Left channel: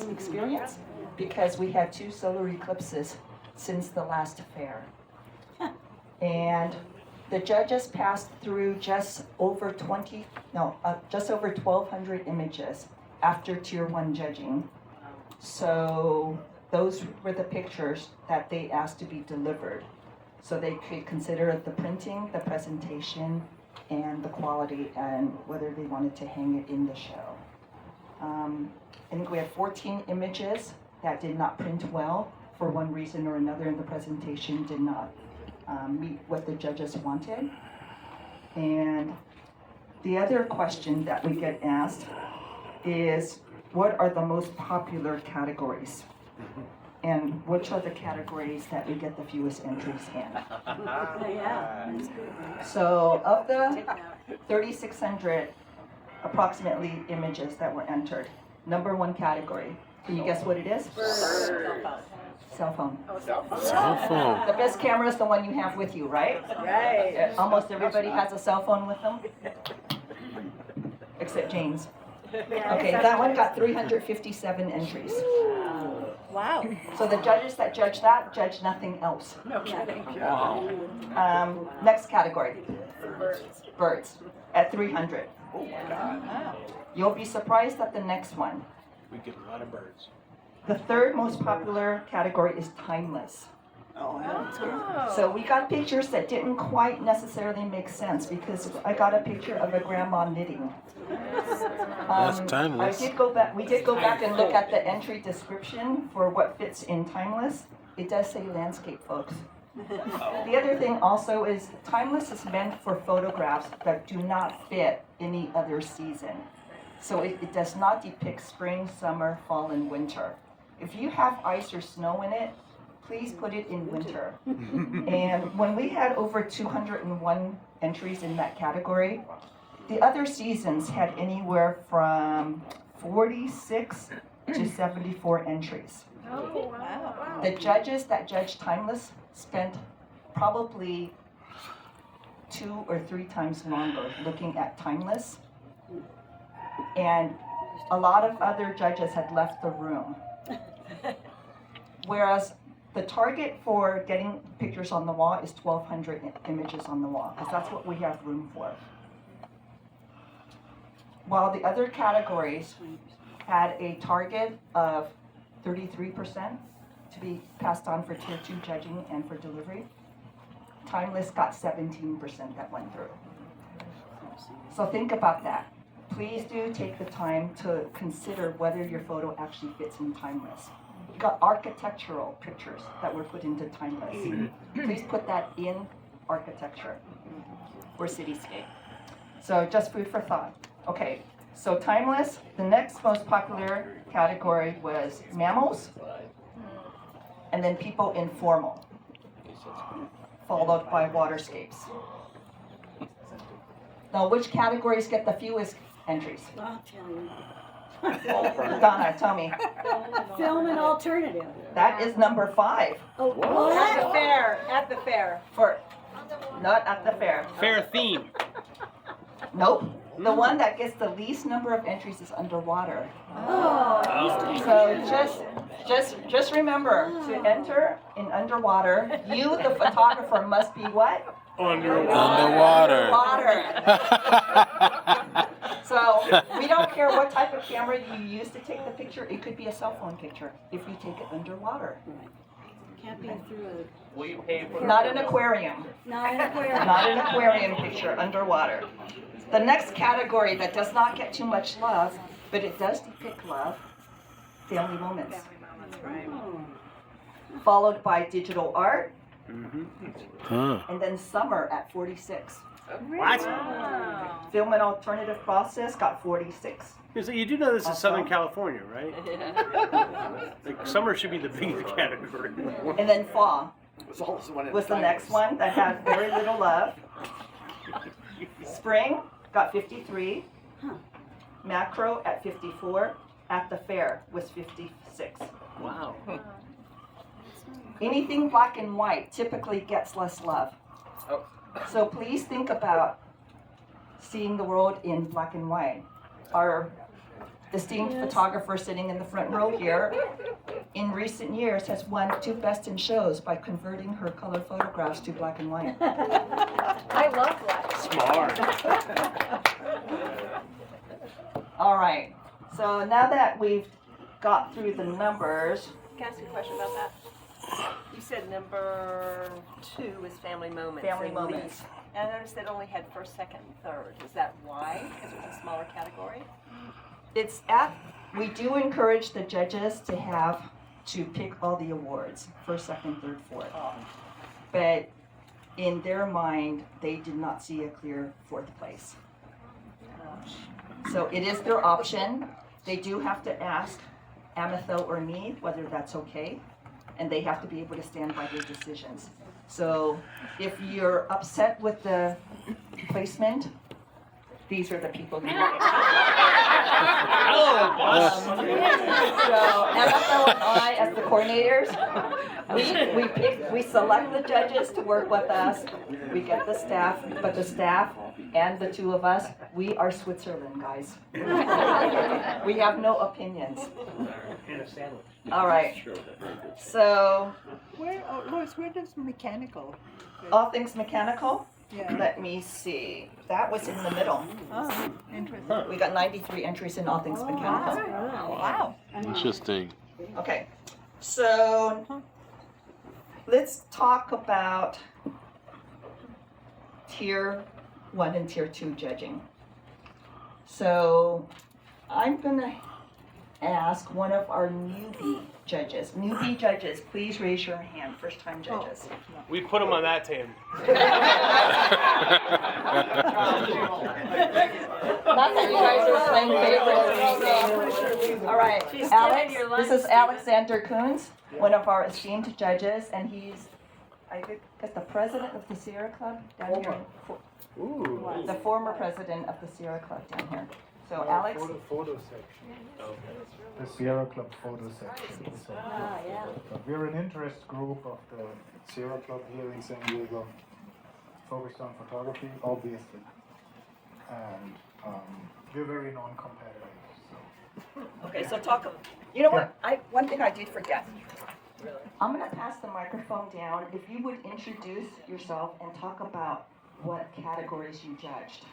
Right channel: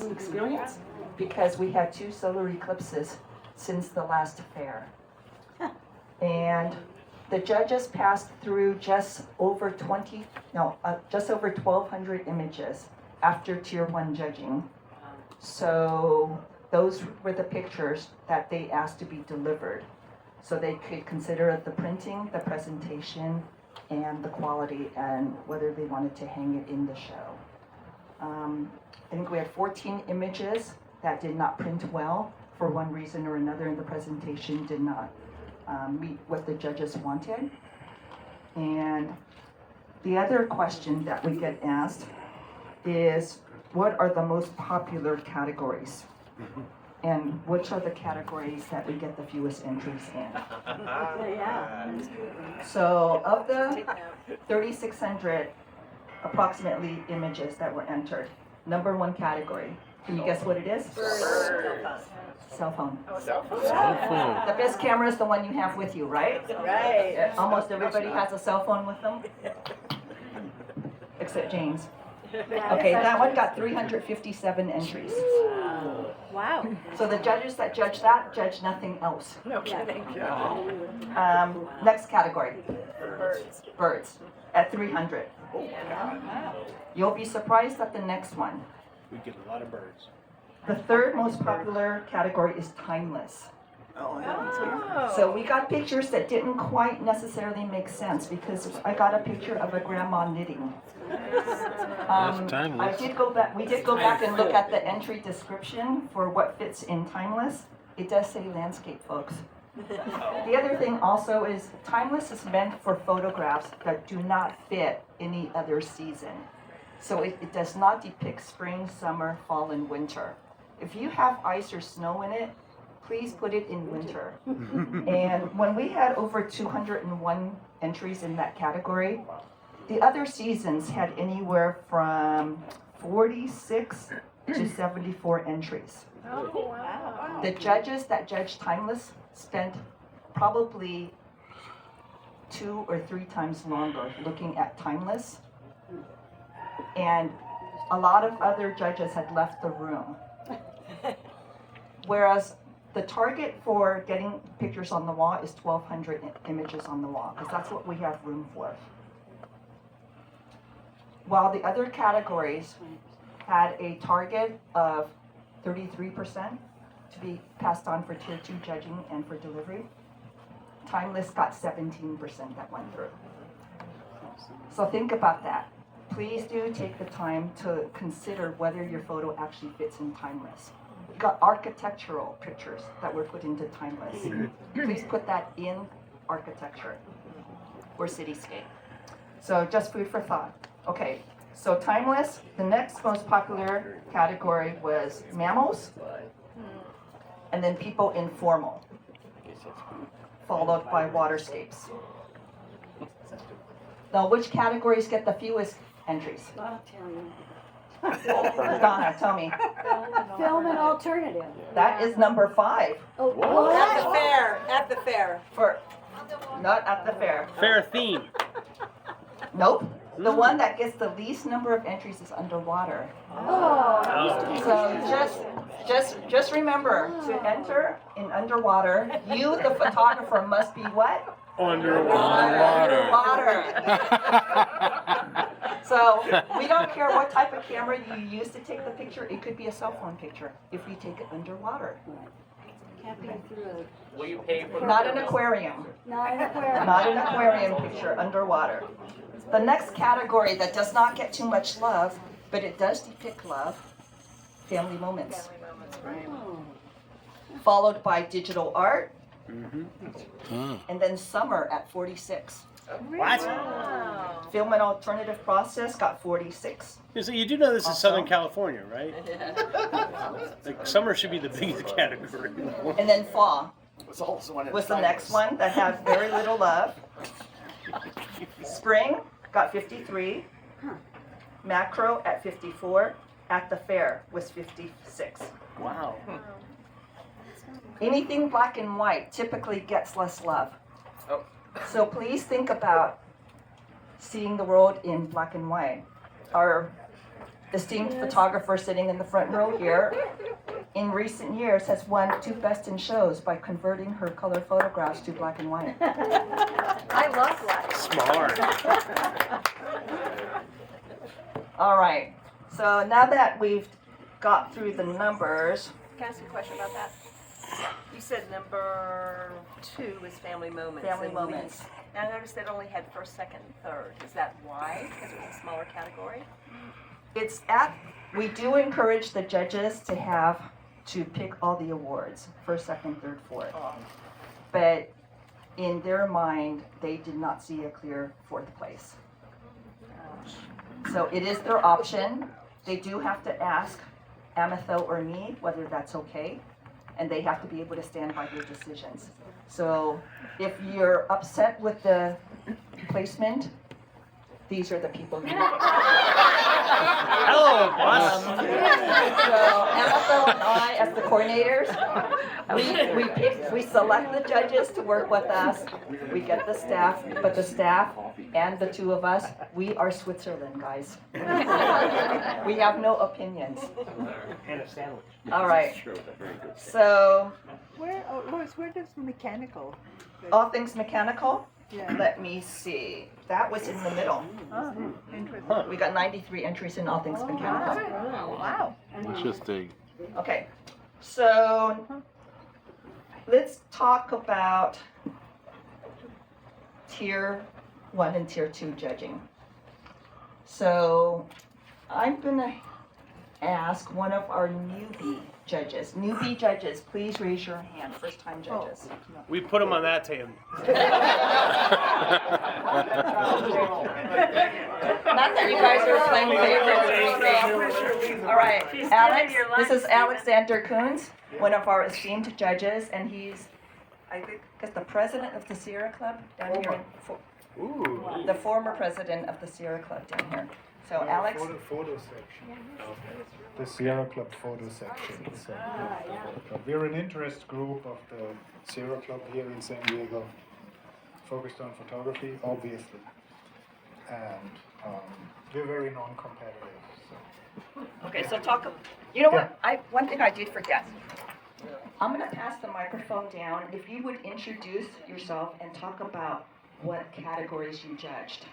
experience because we had 2 solar eclipses since the last fair. And the judges passed through just over 1,200 images after Tier 1 judging. So those were the pictures that they asked to be delivered. So they could consider the printing, the presentation, and the quality, and whether they wanted to hang it in the show. I think we had 14 images that did not print well for one reason or another, and the presentation did not meet what the judges wanted. And the other question that we get asked is, what are the most popular categories? And which are the categories that we get the fewest entries in? So of the 3,600 approximately images that were entered, number 1 category, can you guess what it is? Cell phone. Cell phone. The best camera is the one you have with you, right? Right. Almost everybody has a cell phone with them, except James. Okay, that one got 357 entries. Wow. So the judges that judge that judge nothing else. No kidding. Next category, birds, at 300. Oh my God. You'll be surprised at the next one. We get a lot of birds. The 3rd most popular category is timeless. Oh, So we got pictures that didn't quite necessarily make sense because I got a picture of a grandma knitting. That's timeless. We did go back and look at the entry description for what fits in timeless. It does say landscape, folks. The other thing also is timeless is meant for photographs that do not fit any other season. So it does not depict spring, summer, fall, and winter. If you have ice or snow in it, please put it in winter. And when we had over 201 entries in that category, the other seasons had anywhere from 46 to 74 entries. Oh, wow. The judges that judged timeless spent probably 2 or 3 times longer looking at timeless. And a lot of other judges had left the room. Whereas the target for getting pictures on the wall is 1,200 images on the wall, because that's what we have room for. While the other categories had a target of 33% to be passed on for Tier 2 judging and for delivery, timeless got 17% that went through. So think about that. Please do take the time to consider whether your photo actually fits in timeless. We got architectural pictures that were put into timeless. Please put that in architecture or cityscape. So just food for thought. Okay, so timeless, the next most popular category was mammals, and then people informal, followed by waterscapes. Now, which categories get the fewest entries? I'll tell you. Donna, tell me. Film and alternative. That is number 5. Oh, At the what? fair. At the fair. For, not at the fair. Fair theme. Nope. The one that gets the least number of entries is underwater. Oh, it used to be. So just remember, to enter in underwater, you, the photographer, must be what? Underwater. So we don't care what type of camera you use to take the picture. It could be a cell phone picture if you take it underwater. Can't be through. Will you pay for Not an aquarium. Not an aquarium. Not an aquarium picture, underwater. The next category that does not get too much love, but it does depict love, family moments. Followed by digital art, and then summer at 46. What? Wow. Film and alternative process got 46. So you do know this is Southern California, right? Like, summer should be the biggest category. And then fall was was the next one that had very little love. Spring got 53. Macro at 54. At the fair was 56. Wow. Anything black and white typically gets less love. Oh. So please think about seeing the world in black and white. Our esteemed photographer sitting in the front row here, in recent years has won 2 Best in Shows by converting her color photographs to black and white. I love black. Smart. All right, so now that we've got through the numbers, Can I ask you a question about that? You said number 2 is family moments. Family and moments. least. And I noticed it only had first, second, and third. Is that why? Because it was a smaller category? we do encourage the judges to pick all the awards, first, second, third, fourth. But in their mind, they did not see a clear 4th place. So it is their option. They do have to ask Amethel or me whether that's okay, and they have to be able to stand by their decisions. So if you're upset with the placement, these are the people you need. Hello, boss. So Amethel and I, as the coordinators, we select the judges to work with us. We get the staff, but the staff and the 2 of us, we are Switzerland, guys. We have no opinions. And a sandwich. All right. So Where does mechanical? all things mechanical. Yeah. Let me see. That was in the middle. Oh, interesting. We got 93 entries in all things mechanical. Wow. Interesting. Okay, so let's talk about tier 1 and tier 2 judging. So I'm gonna ask one of our newbie judges. Newbie judges, please raise your hand, first time judges. We put them on that table. Not that you guys are playing favorites or anything. All right, Alex, this is Alexander Coons, one of our esteemed judges, and he's, I think, the president of the Sierra Club down here. Ooh. The former president of the Sierra Club down here. So Alex, Photo section. The Sierra Club photo section. So, we're an interest group of the Sierra Club here in San Diego, focused on photography, obviously, and we're very non-competitive. So. okay, so you know what, one thing I did forget. I'm gonna pass the microphone down. If you would introduce yourself and talk about what categories you judged.